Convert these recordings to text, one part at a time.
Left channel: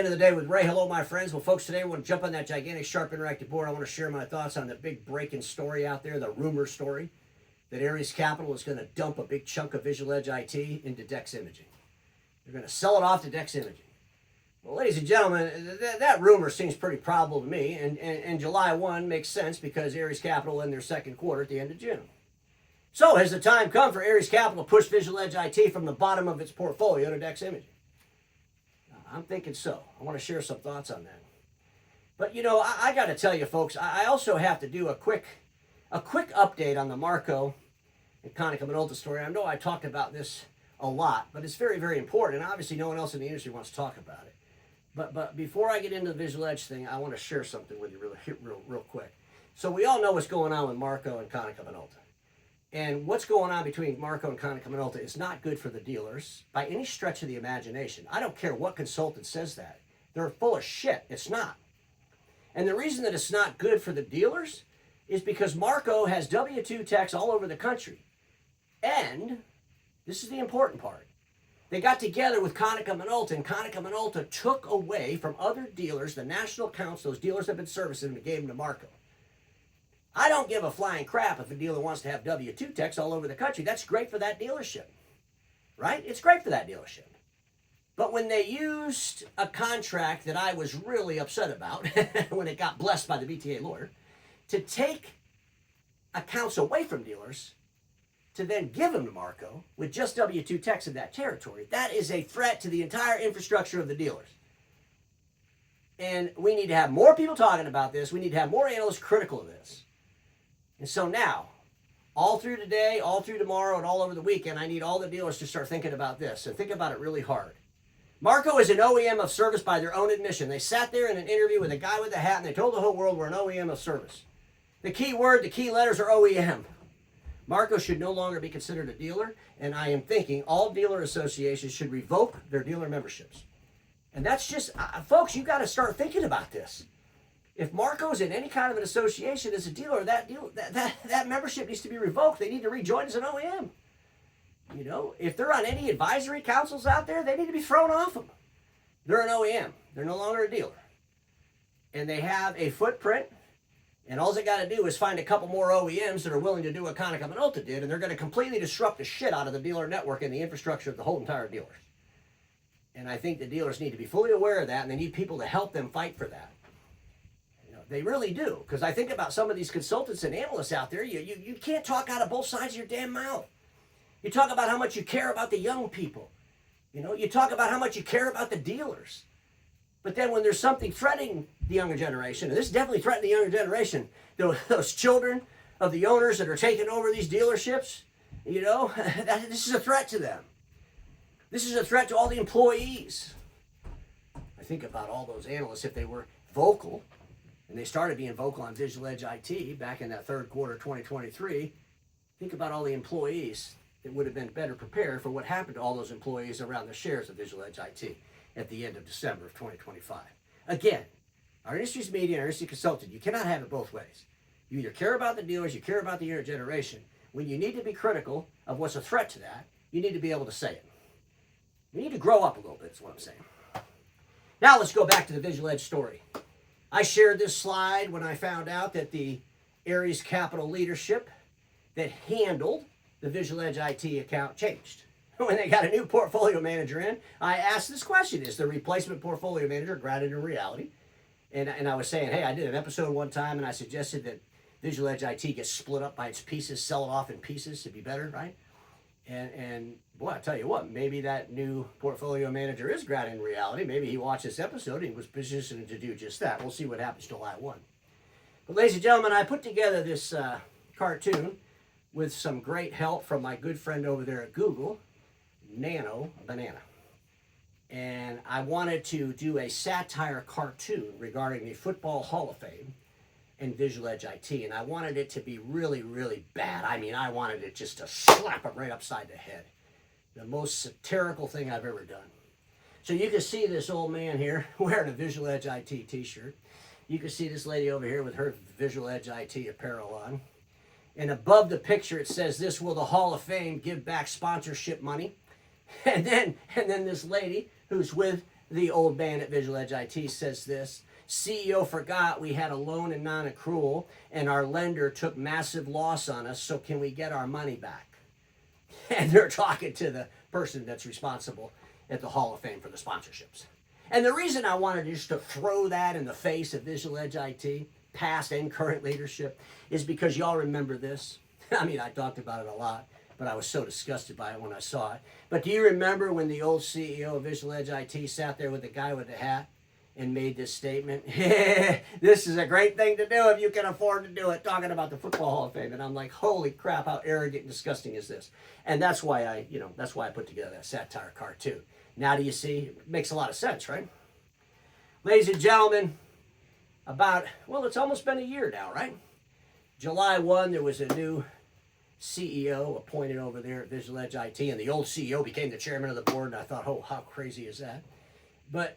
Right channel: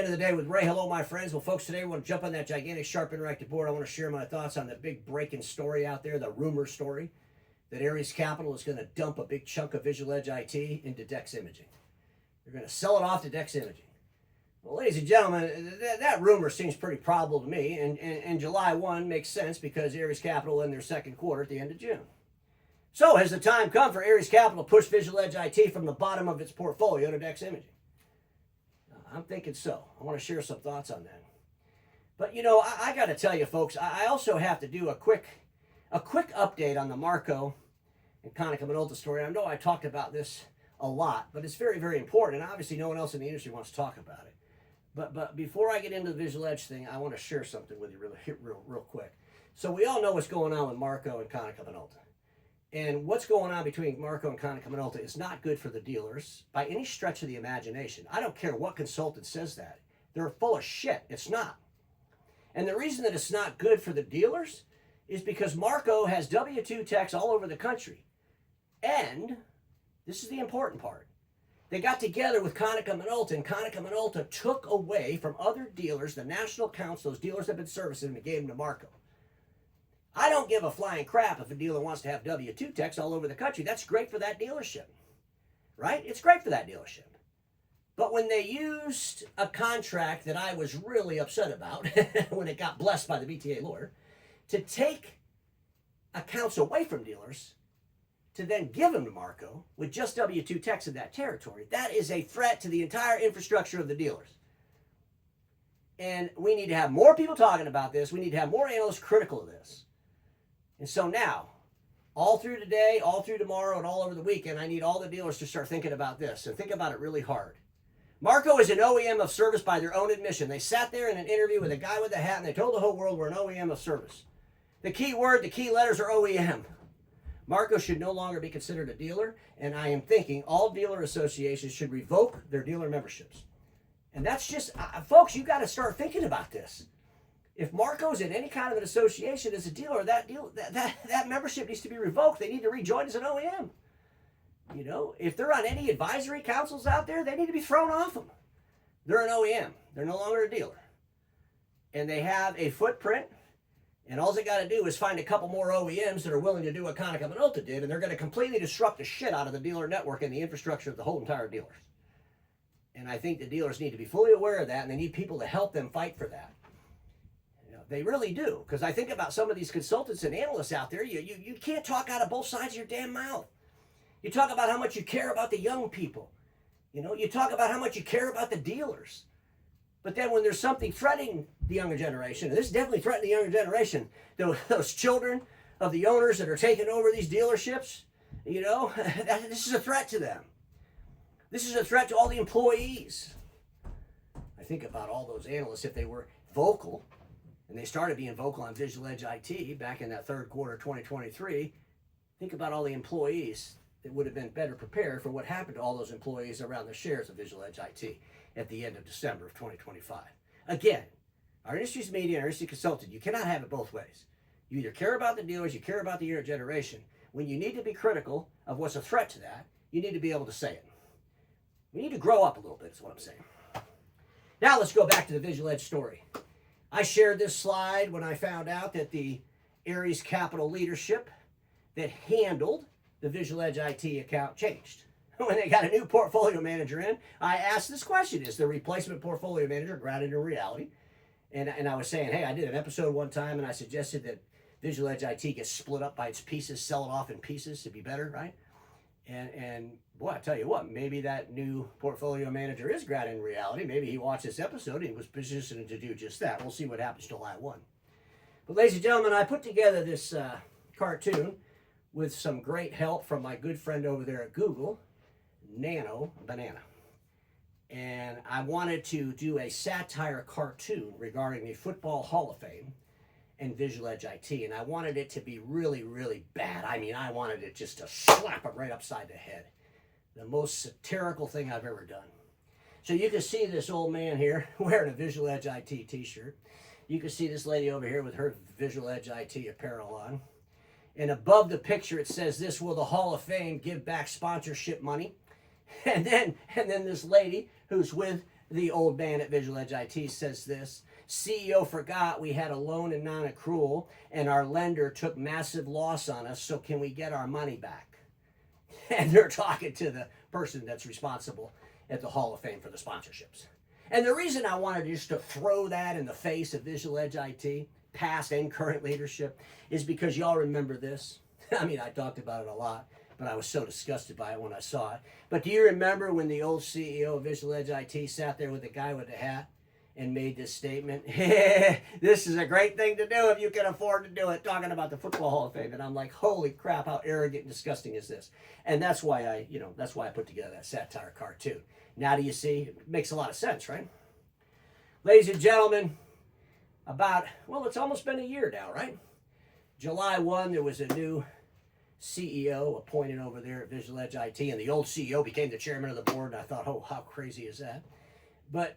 End of the day with Ray. Hello, my friends. Well, folks, today we want to jump on that gigantic, sharp, interactive board. I want to share my thoughts on the big breaking story out there, the rumor story that Ares Capital is going to dump a big chunk of Visual Edge IT into DEX Imaging. They're going to sell it off to DEX Imaging. Well, ladies and gentlemen, that rumor seems pretty probable to me, and July 1 makes sense because Ares Capital in their second quarter at the end of June. So has the time come for Ares Capital to push Visual Edge IT from the bottom of its portfolio to DEX Imaging? I'm thinking so. I want to share some thoughts on that. But, you know, I got to tell you, folks, I also have to do a quick update on the Marco and Konica Minolta story. I know I talked about this a lot, but it's very, very important, and obviously no one else in the industry wants to talk about it. But before I get into the Visual Edge thing, I want to share something with you real quick. So we all know what's going on with Marco and Konica Minolta. And what's going on between Marco and Konica Minolta is not good for the dealers by any stretch of the imagination. I don't care what consultant says that. They're full of shit. It's not. And the reason that it's not good for the dealers is because Marco has W-2 techs all over the country. And this is the important part. They got together with Konica Minolta, and Konica Minolta took away from other dealers the national accounts those dealers have been servicing and gave them to Marco. I don't give a flying crap if a dealer wants to have W-2 techs all over the country. That's great for that dealership, right? It's great for that dealership. But when they used a contract that I was really upset about when it got blessed by the BTA lawyer to take accounts away from dealers to then give them to Marco with just W-2 techs in that territory, that is a threat to the entire infrastructure of the dealers. And we need to have more people talking about this. We need to have more analysts critical of this. And so now, all through today, all through tomorrow, and all over the weekend, I need all the dealers to start thinking about this and think about it really hard. Marco is an OEM of service by their own admission. They sat there in an interview with a guy with a hat and they told the whole world we're an OEM of service. The key word, the key letters are OEM. Marco should no longer be considered a dealer, and I am thinking all dealer associations should revoke their dealer memberships. And that's just, folks, you got to start thinking about this. If Marco's in any kind of an association as a dealer, that membership needs to be revoked. They need to rejoin as an OEM. You know, if they're on any advisory councils out there, they need to be thrown off them. They're an OEM. They're no longer a dealer. And they have a footprint, and all they got to do is find a couple more OEMs that are willing to do what Konica Minolta did, and they're going to completely disrupt the shit out of the dealer network and the infrastructure of the whole entire dealers. And I think the dealers need to be fully aware of that, and they need people to help them fight for that. They really do, because I think about some of these consultants and analysts out there, you can't talk out of both sides of your damn mouth. You talk about how much you care about the young people. You know, you talk about how much you care about the dealers. But then when there's something threatening the younger generation, and this is definitely threatening the younger generation, those children of the owners that are taking over these dealerships, you know, this is a threat to them. This is a threat to all the employees. I think about all those analysts, if they were vocal, and they started being vocal on Visual Edge IT back in that third quarter of 2023. Think about all the employees that would have been better prepared for what happened to all those employees around the shares of Visual Edge IT at the end of December of 2025. Again, our industry's media and our industry consultant, you cannot have it both ways. You either care about the dealers, you care about the younger generation. When you need to be critical of what's a threat to that, you need to be able to say it. We need to grow up a little bit, is what I'm saying. Now let's go back to the Visual Edge story. I shared this slide when I found out that the Ares Capital leadership that handled the Visual Edge IT account changed. When they got a new portfolio manager in, I asked this question: is the replacement portfolio manager grounded in reality? And I was saying, hey, I did an episode one time and I suggested that Visual Edge IT gets split up by its pieces, sell it off in pieces to be better, right? And boy, I tell you what, maybe that new portfolio manager is grounded in reality. Maybe he watched this episode and was positioned to do just that. We'll see what happens July 1. But ladies and gentlemen, I put together this cartoon with some great help from my good friend over there at Google, Nano Banana. And I wanted to do a satire cartoon regarding the Football Hall of Fame and Visual Edge IT, and I wanted it to be really, really bad. I mean, I wanted it just to slap it right upside the head. The most satirical thing I've ever done. So you can see this old man here wearing a Visual Edge IT t-shirt. You can see this lady over here with her Visual Edge IT apparel on. And above the picture it says, "This will the Hall of Fame give back sponsorship money?" And then this lady who's with The old man at Visual Edge IT says this: CEO forgot we had a loan and non-accrual, and our lender took massive loss on us, so can we get our money back? And they're talking to the person that's responsible at the Hall of Fame for the sponsorships. And the reason I wanted just to throw that in the face of Visual Edge IT, past and current leadership, is because y'all remember this. I mean, I talked about it a lot, but I was so disgusted by it when I saw it. But do you remember when the old CEO of Visual Edge IT sat there with the guy with the hat and made this statement? This is a great thing to do if you can afford to do it, talking about the Football Hall of Fame. And I'm like, holy crap, how arrogant and disgusting is this? And that's why I put together that satire cartoon. Now do you see? It makes a lot of sense, right? Ladies and gentlemen, it's almost been a year now, right? July 1, there was a new CEO appointed over there at Visual Edge IT, and the old CEO became the chairman of the board, and I thought, oh, how crazy is that? But,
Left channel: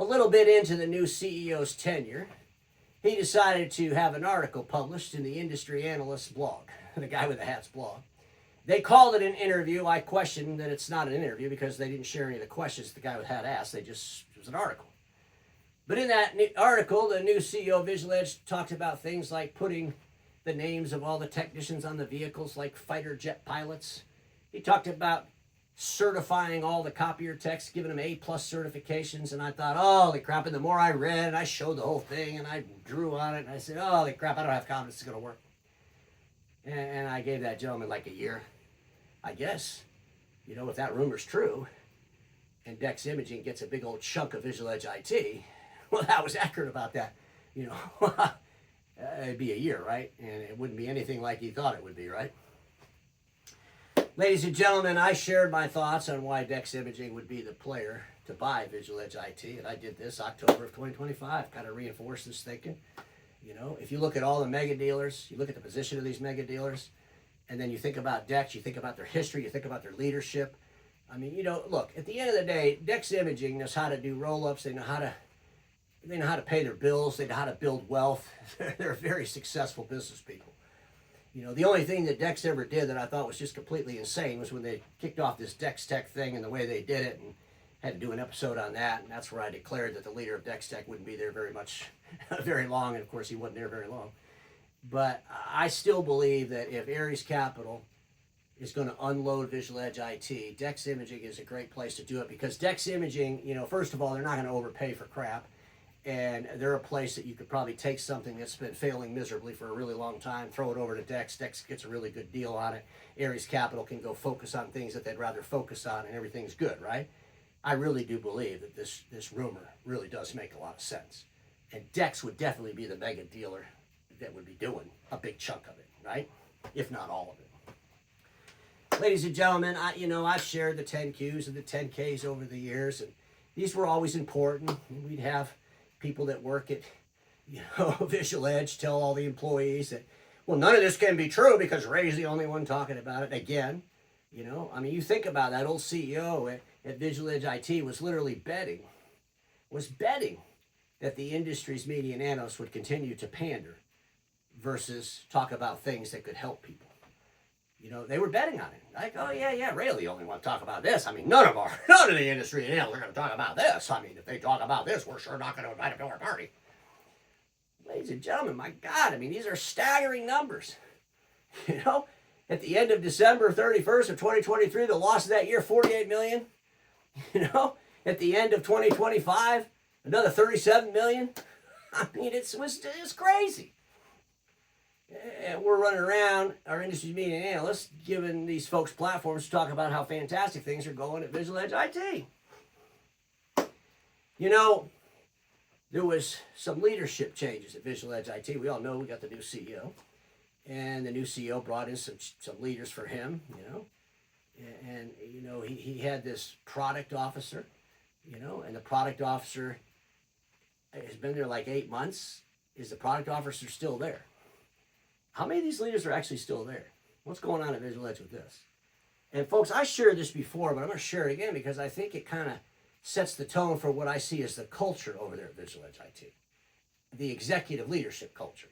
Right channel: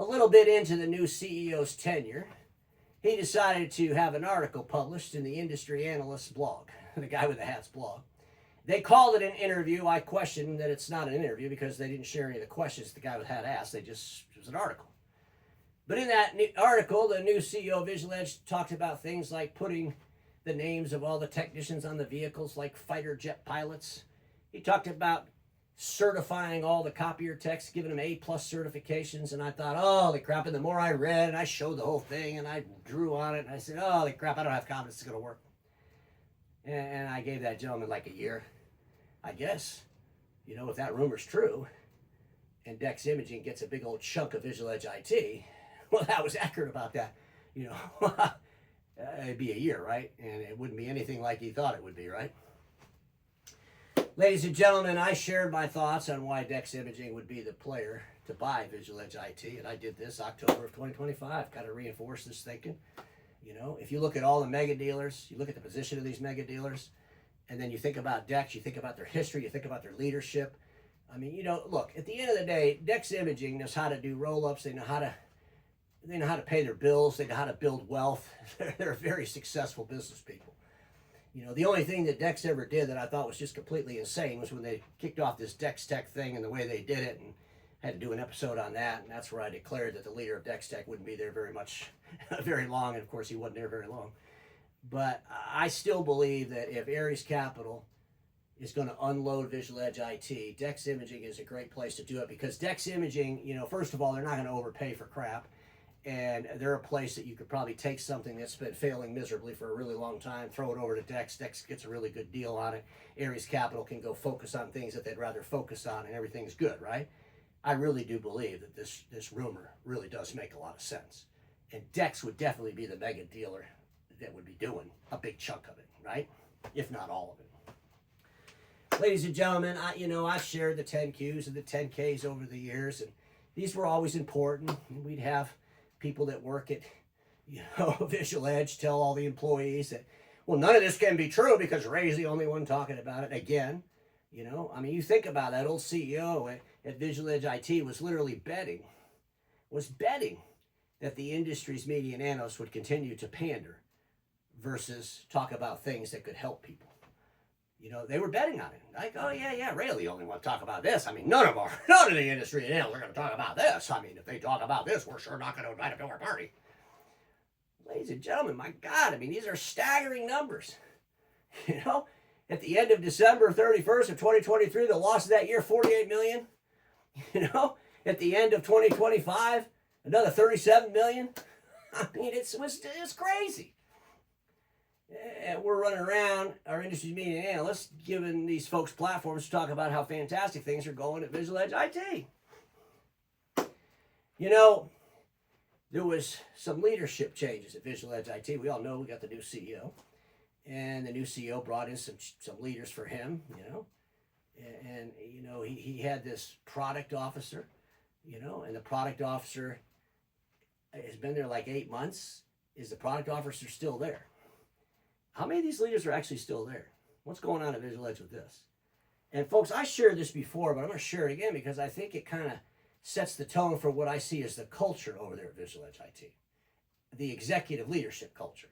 a little bit into the new CEO's tenure, he decided to have an article published in the Industry Analyst's blog, the guy with the hat's blog. They called it an interview. I question that it's not an interview because they didn't share any of the questions the guy with the hat asked. It was an article. But in that article, the new CEO of Visual Edge talked about things like putting the names of all the technicians on the vehicles like fighter jet pilots. He talked about certifying all the copier techs, giving them A+ certifications, and I thought, holy crap, and the more I read, and I showed the whole thing, and I drew on it, and I said, holy crap, I don't have confidence it's going to work. And I gave that gentleman like a year. I guess, if that rumor's true, and DEX Imaging gets a big old chunk of Visual Edge IT, well, that was accurate about that, it'd be a year, right? And it wouldn't be anything like he thought it would be, right? Ladies and gentlemen, I shared my thoughts on why DEX Imaging would be the player to buy Visual Edge IT, and I did this October of 2025, kind of reinforced this thinking. If you look at all the mega dealers, you look at the position of these mega dealers, and then you think about DEX, you think about their history, you think about their leadership. I mean, look, at the end of the day, DEX Imaging knows how to do roll-ups, they know how to pay their bills, they know how to build wealth. They're very successful business people. The only thing that DEX ever did that I thought was just completely insane was when they kicked off this DEX Tech thing and the way they did it, and had to do an episode on that, and that's where I declared that the leader of DEX Tech wouldn't be there very long, and of course he wasn't there very long. But I still believe that if Ares Capital is going to unload Visual Edge IT, DEX Imaging is a great place to do it, because DEX Imaging, first of all, they're not going to overpay for crap, and they're a place that you could probably take something that's been failing miserably for a really long time, throw it over to DEX. DEX gets a really good deal on it. Ares Capital can go focus on things that they'd rather focus on, and everything's good, right? I really do believe that this rumor really does make a lot of sense. And DEX would definitely be the mega dealer that would be doing a big chunk of it, right? If not all of it. Ladies and gentlemen, I've shared the 10Qs and the 10Ks over the years, and these were always important. We'd have people that work at, Visual Edge tell all the employees that, well, none of this can be true because Ray's the only one talking about it. Again, you think about that old CEO at Visual Edge IT was literally betting that the industry's media and analysts would continue to pander versus talk about things that could help people. They were betting on it. Like, oh, yeah, Ray the only one to talk about this. I mean, none of the industry and analysts are going to talk about this. I mean, if they talk about this, we're sure not going to invite them to our party. Ladies and gentlemen, my God, these are staggering numbers. At the end of December 31st of 2023, the loss of that year, $48 million. At the end of 2025, another $37 million. It's crazy. And we're running around, our industry media analysts, giving these folks platforms to talk about how fantastic things are going at Visual Edge IT. There was some leadership changes at Visual Edge IT. We all know we got the new CEO. And the new CEO brought in some leaders for him, And he had this product officer, and the product officer has been there like 8 months. Is the product officer still there? How many of these leaders are actually still there? What's going on at Visual Edge with this? And folks, I shared this before, but I'm going to share it again because I think it kind of sets the tone for what I see as the culture over there at Visual Edge IT, the executive leadership culture.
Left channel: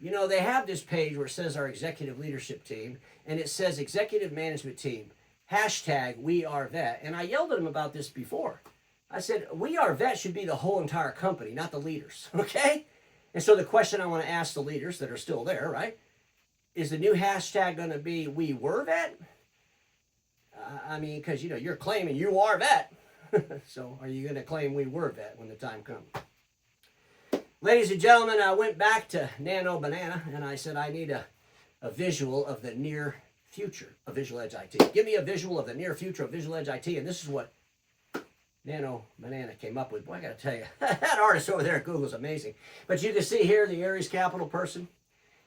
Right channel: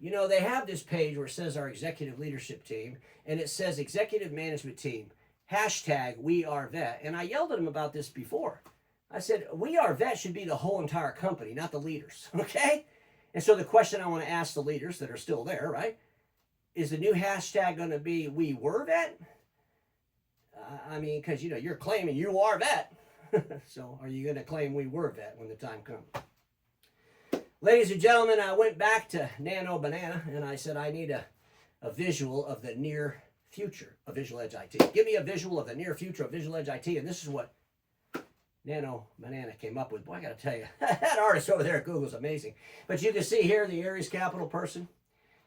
They have this page where it says our executive leadership team, and it says executive management team, hashtag We Are Vet. And I yelled at him about this before. I said, We Are Vet should be the whole entire company, not the leaders, okay? And so the question I want to ask the leaders that are still there, right? Is the new hashtag going to be We Were Vet? I mean, because, you know, you're claiming you are vet. So are you going to claim we were vet when the time comes? Ladies and gentlemen, I went back to Nano Banana and I said, I need a visual of the near future of Visual Edge IT. Give me a visual of the near future of Visual Edge IT. And this is what Nano Banana came up with. Boy, I got to tell you, that artist over there at Google is amazing. But you can see here the Aries Capital person.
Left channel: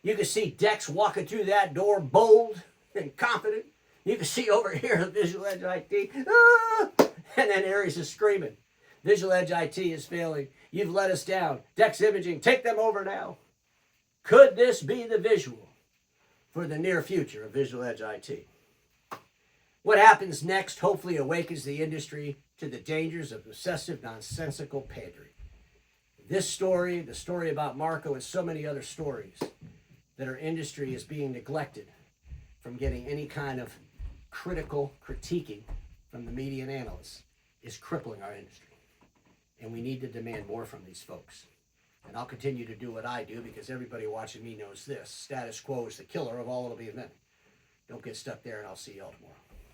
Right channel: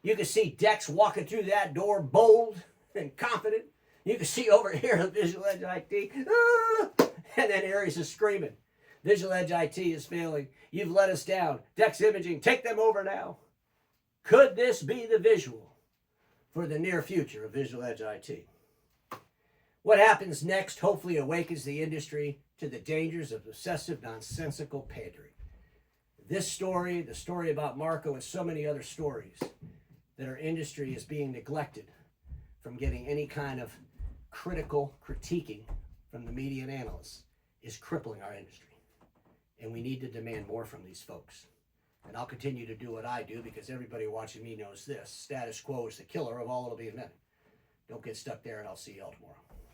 You can see DEX walking through that door bold and confident. You can see over here the Visual Edge IT. Ah! And then Aries is screaming. Visual Edge IT is failing. You've let us down. DEX Imaging, take them over now. Could this be the visual for the near future of Visual Edge IT? What happens next hopefully awakens the industry to the dangers of obsessive, nonsensical pandering. This story, the story about Marco, and so many other stories that our industry is being neglected from getting any kind of critical critiquing from the media and analysts is crippling our industry. And we need to demand more from these folks. And I'll continue to do what I do because everybody watching me knows this. Status quo is the killer of all that'll be invented. Don't get stuck there, and I'll see y'all tomorrow.